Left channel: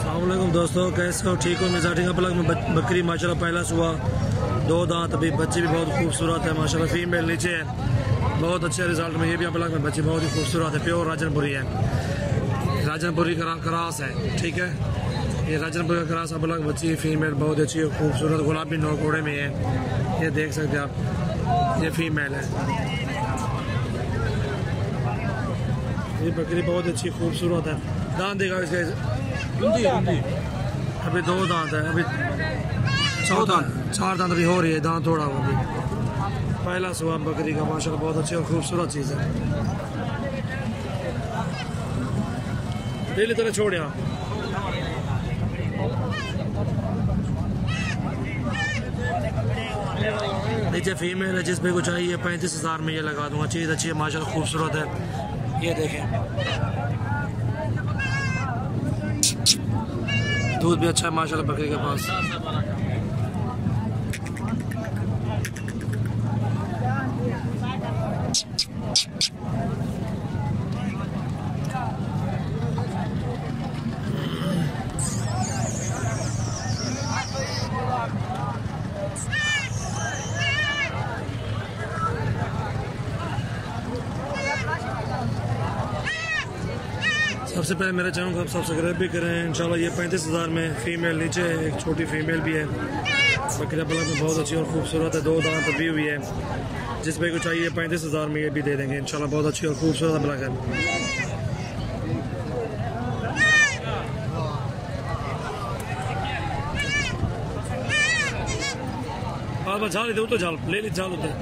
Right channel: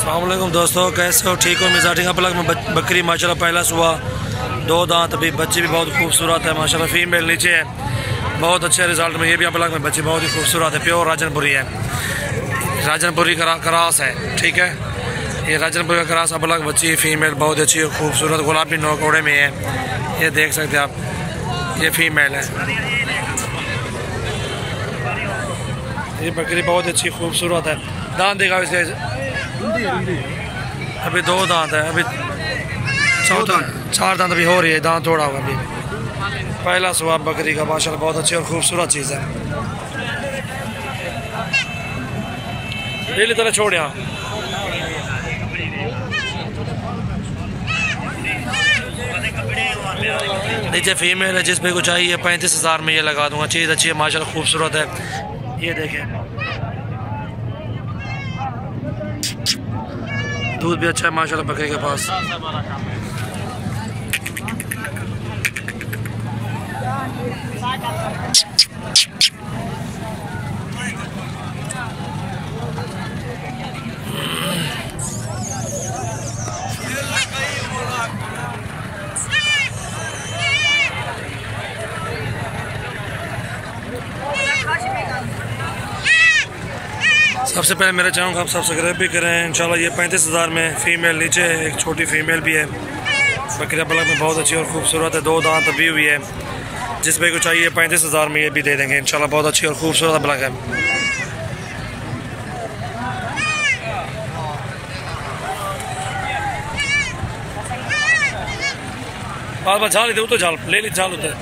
अस्सलाम वालेकुम दोस्तों, कैसे हो? ठीक हो? मिजाजी का पलक में बकरी माशाल्लाह पहला सुबह, 2 दांत, अभी बच्ची भी बहुत खूबसूरत है माशाल्लाह। फीमेल नीचे है, बहुत अच्छे रिजल्ट में। ये भी पलक में बच्ची बहुत ही खूबसूरत है, प्योर राजनपुरी है, राजनपुरी क्रॉस है। ठीक है, ये राजनपुरी का क्रॉस अपलक बच्ची है, फीमेल बहुत अच्छी है, खूबसूरत गुलाबी नौकोड़े में है। ये देख सकते हैं आप, ये फीमेल है। ये बकरी बहुत अच्छी खूबसूरत है। दांत देखा इसके, अभी 2 दांत है, अभी 4 दांत अभी हो रही है, दांत तोड़ा हुआ अभी। पहला सुबह बकरी का माशाल्लाह बहुत अच्छी और खूबसूरत चीज़ है। डेली तरह छोड़ यहाँ। नीचे फीमेल है, जिस पे को चाहिए 35,000 में ये लगा दूंगा। चीज़ अच्छी है माशाल्लाह, खूबसूरत है। ये देखें, दूध भी अच्छा है माशाल्लाह बकरी के पास। सबसे पहले मेरे चैनल को आप सब्सक्राइब भी करें इंशाल्लाह। ये 35,000 में फीमेल, नीचे एक छोटी फीमेल भी है। बकरिया पलक में बहुत अच्छी और खूबसूरत है, 2 दांत अभी हुई है। जिस पे को चाहिए 35,000 में ये भी दे देंगे इंशाल्लाह। बहुत अच्छी और खूबसूरत पलक है। बार बार झाल तो झाल ले ली, झाल होता है।